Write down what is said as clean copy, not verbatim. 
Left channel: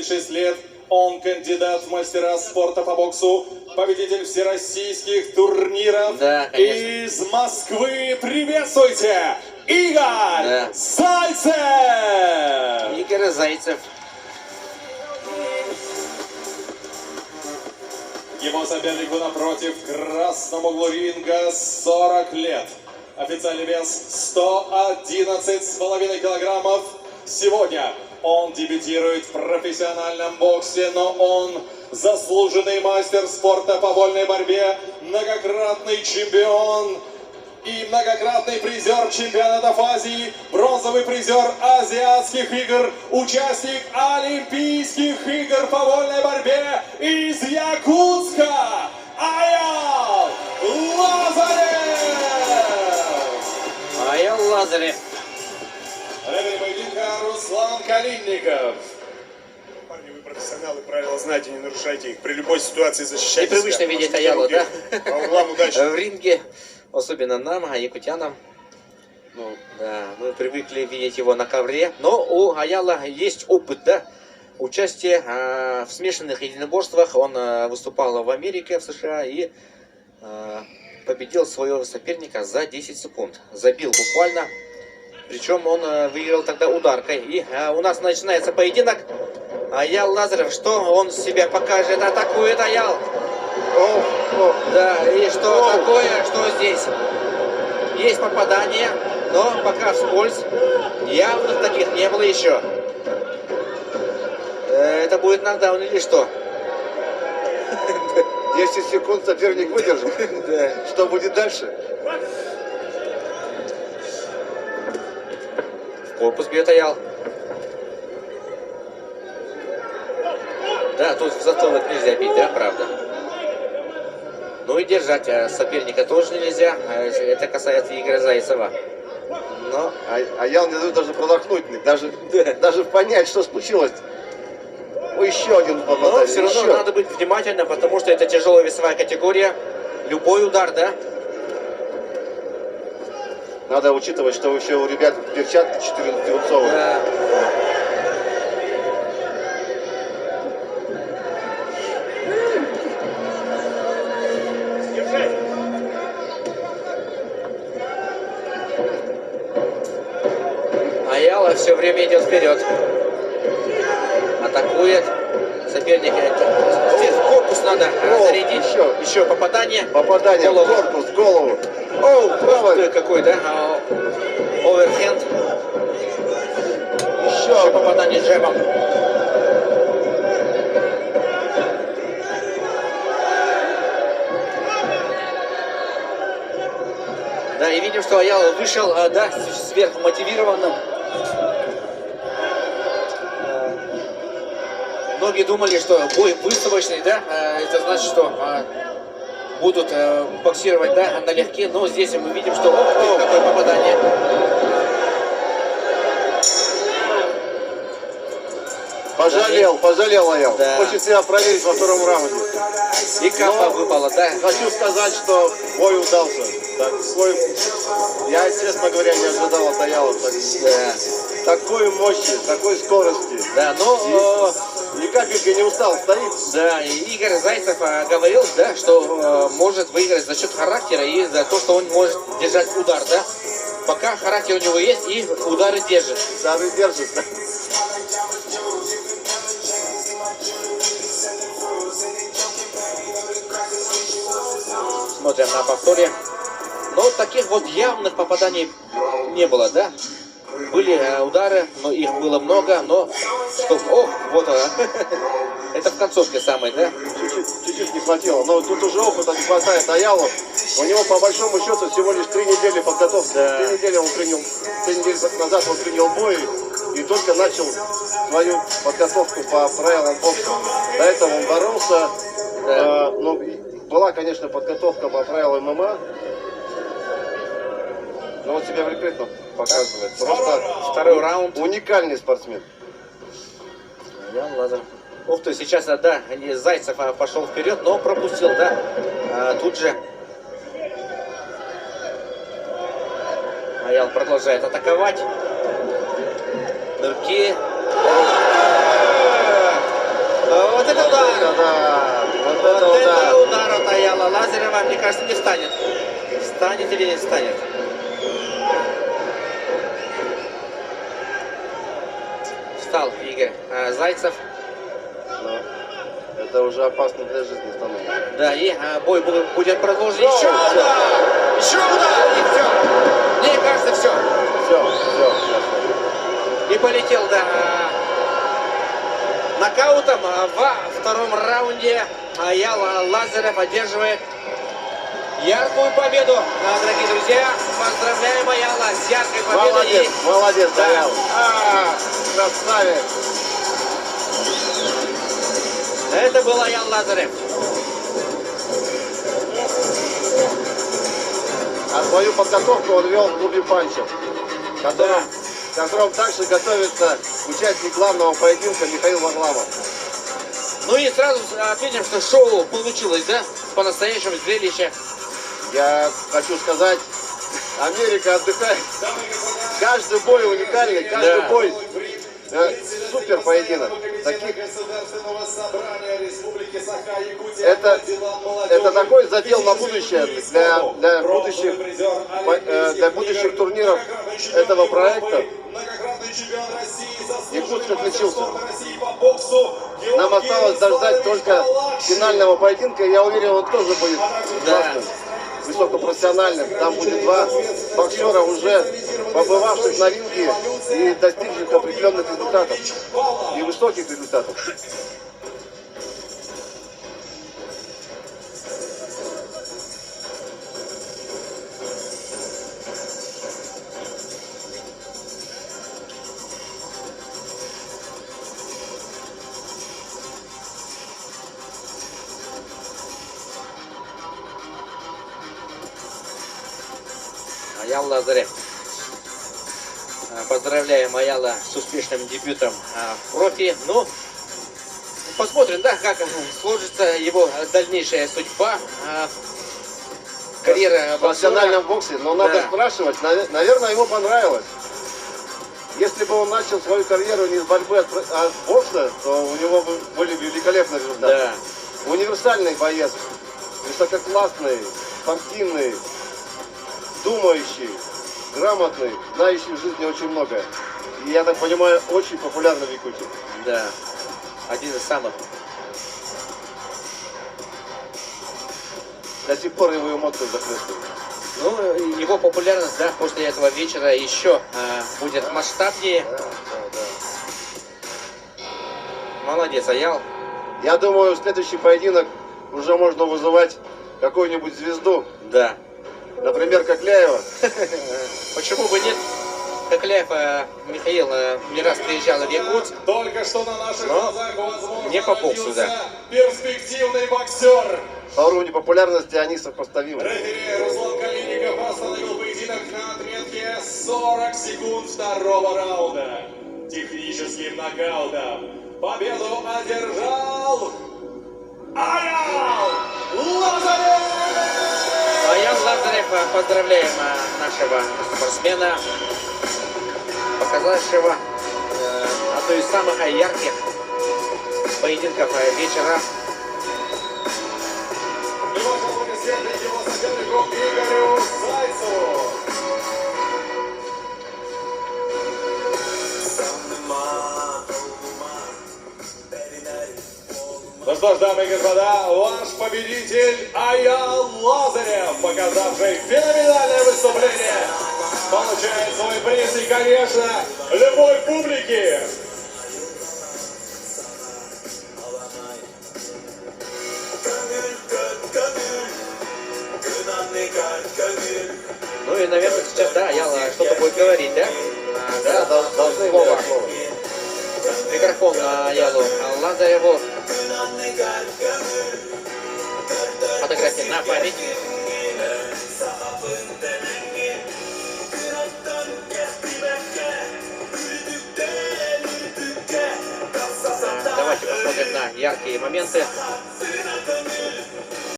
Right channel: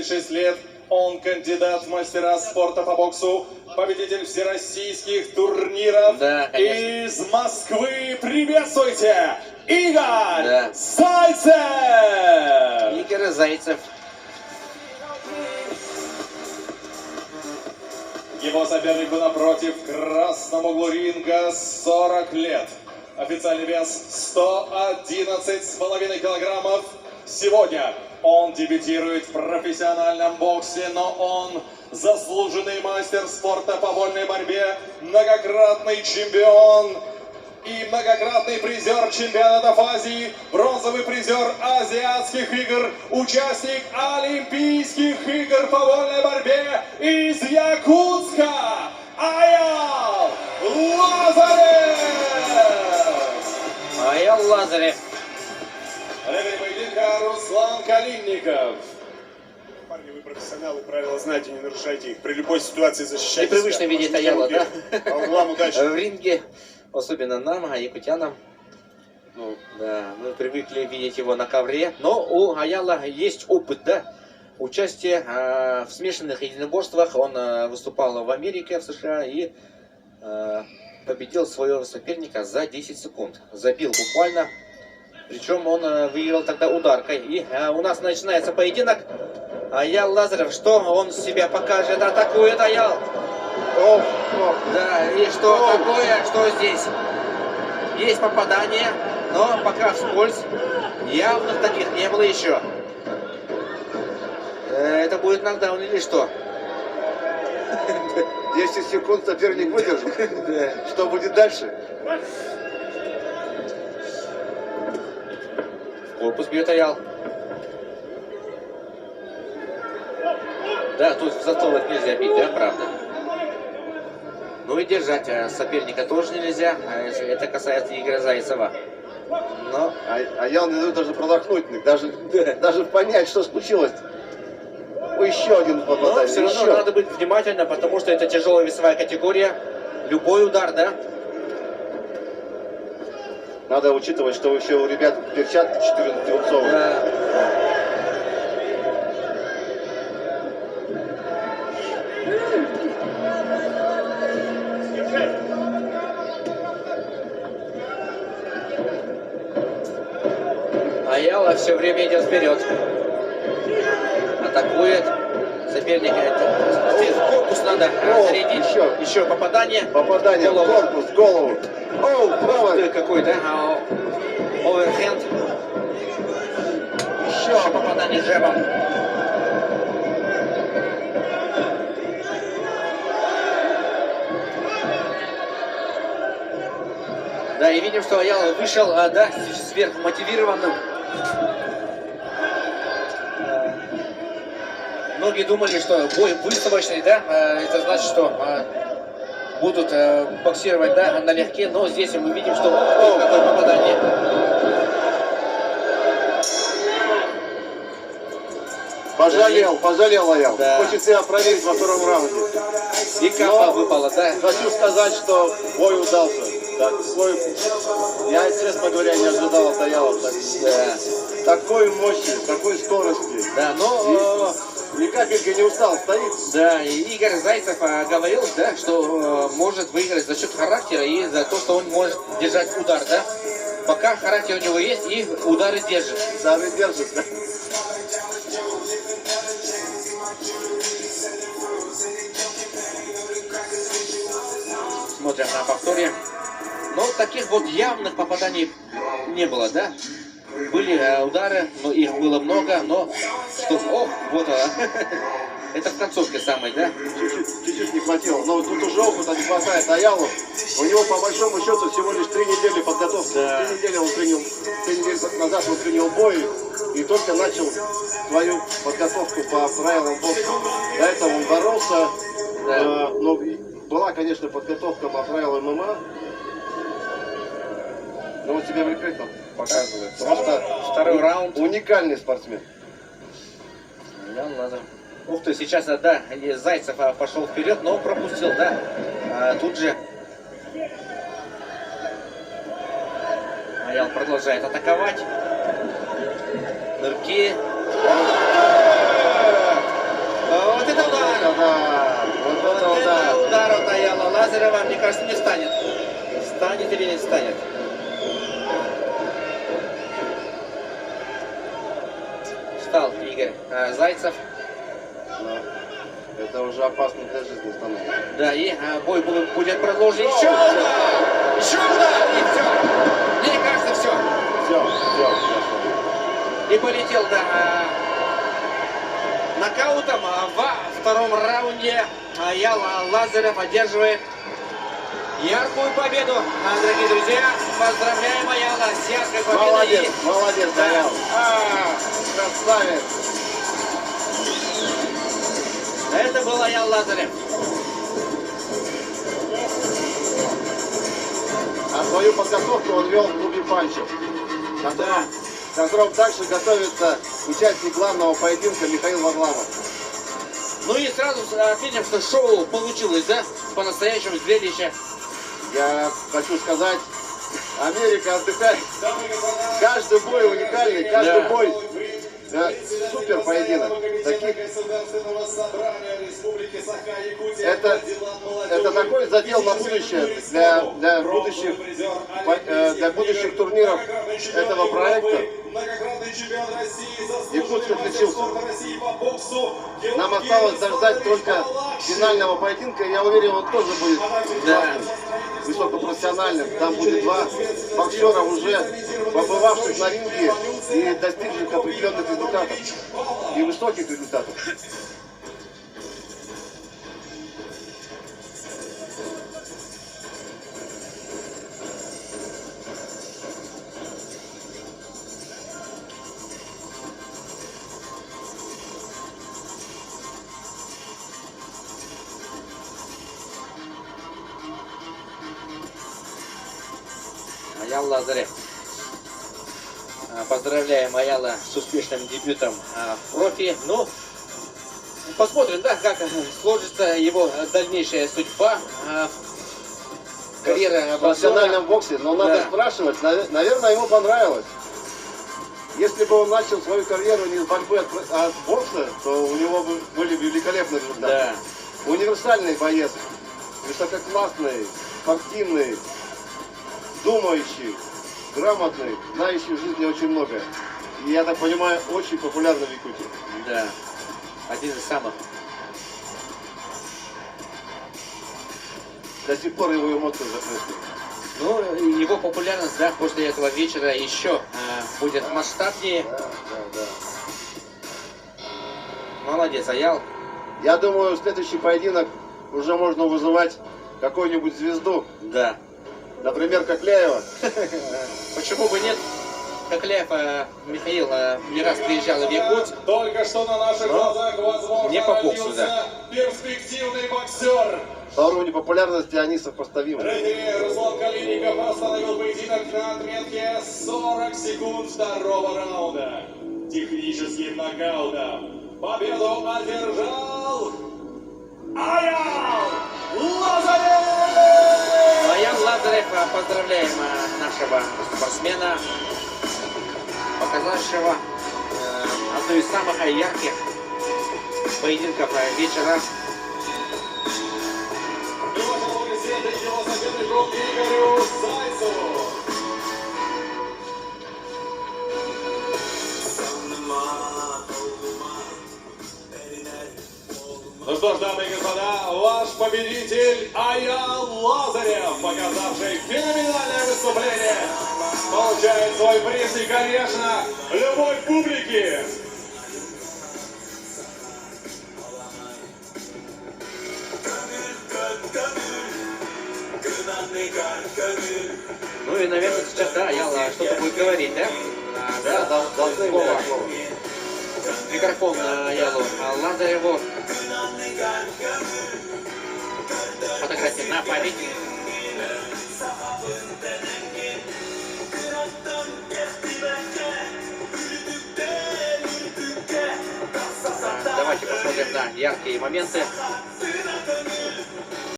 6 лет, он кандидат в мастера спорта по боксу, победитель всероссийских турниров. Да, из Москвы. Приветствуйте, Игорь Зайцев! Игорь Зайцев. Его сопернику напротив, в красном углу ринга, 40 лет. Официальный вес 111,5 килограммов. Сегодня он дебютирует в профессиональном боксе, но он заслуженный мастер спорта по вольной борьбе, многократный чемпион и многократный призер чемпионатов Азии, бронзовый призер азиатских игр, участник Олимпийских игр по вольной борьбе из Якутска, Аял Лазарев! Аял Лазарев. Рефери поединка Руслан Калинников. Парни, вы профессионалы, правила знаете, не нарушайте их. При любой ситуации защищайте Непривычно себя. видеть Аяла, да? По углам удачи. В ринге, особенно нам, якутянам. Ну, да, мы привыкли видеть его на ковре. Но у Аяла есть опыт, да? Участие в смешанных единоборствах. Он выступал в Америке, в США и победил своего соперника за 10 секунд. Забил буквально. Причем он выиграл тогда ударкой. И у нас начинается поединок. Аял Лазарев, что он себя покажет? Атакует Аял. Да, и что такое? Что здесь? Есть попадание, но пока вскользь. Явных таких не было еще. Это будет нокдаун или что? 10 секунд соперник выдержит. Что будет дальше? Корпус бьет Аял. Да, тут в затылок нельзя бить, да, правда? Ну и держать соперника тоже нельзя. Это касается Игоря Зайцева. Но... Аял не дает даже продохнуть, даже понять, что случилось. Еще один попадание. Но все равно надо быть внимательным, потому что это тяжелая весовая категория. Любой удар, да? Надо учитывать, что еще у ребят перчатки 14-дюймовые. Да. Аяла все время идет вперед. Атакует соперника. Здесь корпус надо зарядить. Еще попадание. Попадание в корпус, в голову. Оу, правый. Какой, да? Оверхенд. Еще попадание джебом. Да, и видим, что Аял вышел, да, сверхмотивированным. Многие думали, что бой выставочный, да, это значит, что будут боксировать, да, налегке, но здесь мы видим, что какое попадание. Пожалел Аял. Да. Хочет себя проверить во втором раунде. И капа выпала, да. Хочу сказать, что бой удался. Я, честно говоря, не ожидал от Аяла такой мощи, такой скорости. Да, но... Ни капельки не устал, стоит. Да, и Игорь Зайцев говорил, да, что может выиграть за счет характера и за то, что он может держать удар, да. Пока характер у него есть и удары держит. Удары держит. Смотрим на повторе. Но таких вот явных попаданий не было, да. Были удары, но их было много, но что... О, вот она. Это в концовке самой, да? Чуть-чуть не хватило. Но тут уже опыта не хватает Аялу. У него по большому счету всего лишь 3 недели подготовки. Да. 3 недели назад он принял бой и только начал свою подготовку по правилам бокса. До этого он боролся. Да. Была, конечно, подготовка по правилам ММА. Но он себя прекрасно показывает. Просто второй раунд. Уникальный спортсмен. Ух ты, сейчас, да, Зайцев пошел вперед, но пропустил, да. Тут же Аял продолжает атаковать. Нырки. это да! Вот Вот это это удар! удар от Аяла Лазарева, мне кажется, не станет. Станет или не станет? Встал Игорь Зайцев. Но это уже опасно для жизни становится. Да, и бой будет продолжен. Еще удар! Еще удар! И все. Мне кажется, все. Все. И полетел, да, нокаутом. Во втором раунде Аяла Лазарев одерживает яркую победу. Дорогие друзья, поздравляем Аяла с яркой победой. Молодец, Да. Аял. Красавец. Это был Аял Лазарев. А свою подготовку он вел в клубе панчев, в котором также готовится участник главного поединка Михаил Варламов. Ну и сразу отметим, что шоу получилось, да? По-настоящему зрелище. Я хочу сказать, Америка отдыхает. Каждый бой уникальный, каждый Да. бой супер поединок. Таких... Это такой задел на будущее для будущих турниров этого проекта. Якутск отличился. Нам осталось дождать только финального поединка. Я уверен, он тоже будет классным, высокопрофессиональным. Там будет два боксера, уже побывавших на ринге и достигших определенных результатов. И высоких результатов. Аял Лазарев. Поздравляем Аяла с успешным дебютом в профи. Ну, посмотрим, да, как сложится его дальнейшая судьба. Карьера В профессиональном боксера. боксе, но надо Да. спрашивать, наверное, ему понравилось. Если бы он начал свою карьеру не с борьбы, а с бокса, то у него были бы великолепные результаты. Да. Универсальный боец, высококлассный, спортивный, думающий, грамотный, знающий в жизни очень многое. И, я так понимаю, очень популярный в Якутии. Да. Один из самых. До сих пор его эмоции захлестывают. Ну, его популярность, да, после этого вечера еще будет масштабнее. Да. Молодец, Аял. Я думаю, следующий поединок уже можно вызывать какую-нибудь звезду. Да. Например, Кокляева. Почему бы нет? Кокляев Михаил не раз приезжал в Якутск. Только что на наших глазах, возможно, не по боксу, да. родился перспективный боксер. По уровню популярности они сопоставимы. Рефери Руслан Калиников остановил поединок на отметке 40 секунд второго раунда. Техническим нокаутом победу одержал Аял Лазарев! Аял Лазарев, поздравляем нашего спортсмена, показавшего одну из самых ярких поединков вечера. И ваше благословение его сопернику Игорю Зайцеву. Ну что ж, дамы и господа, ваш победитель Аял Лазарев, показавший феноменальное выступление, получает свой приз и, конечно, любовь публики. Ну и, наверное, сейчас, да, Аял что-то будет говорить, да? Да, должны ему дать слово. Микрофон Аялу Лазареву. Фотография на память. Давайте посмотрим на яркие моменты.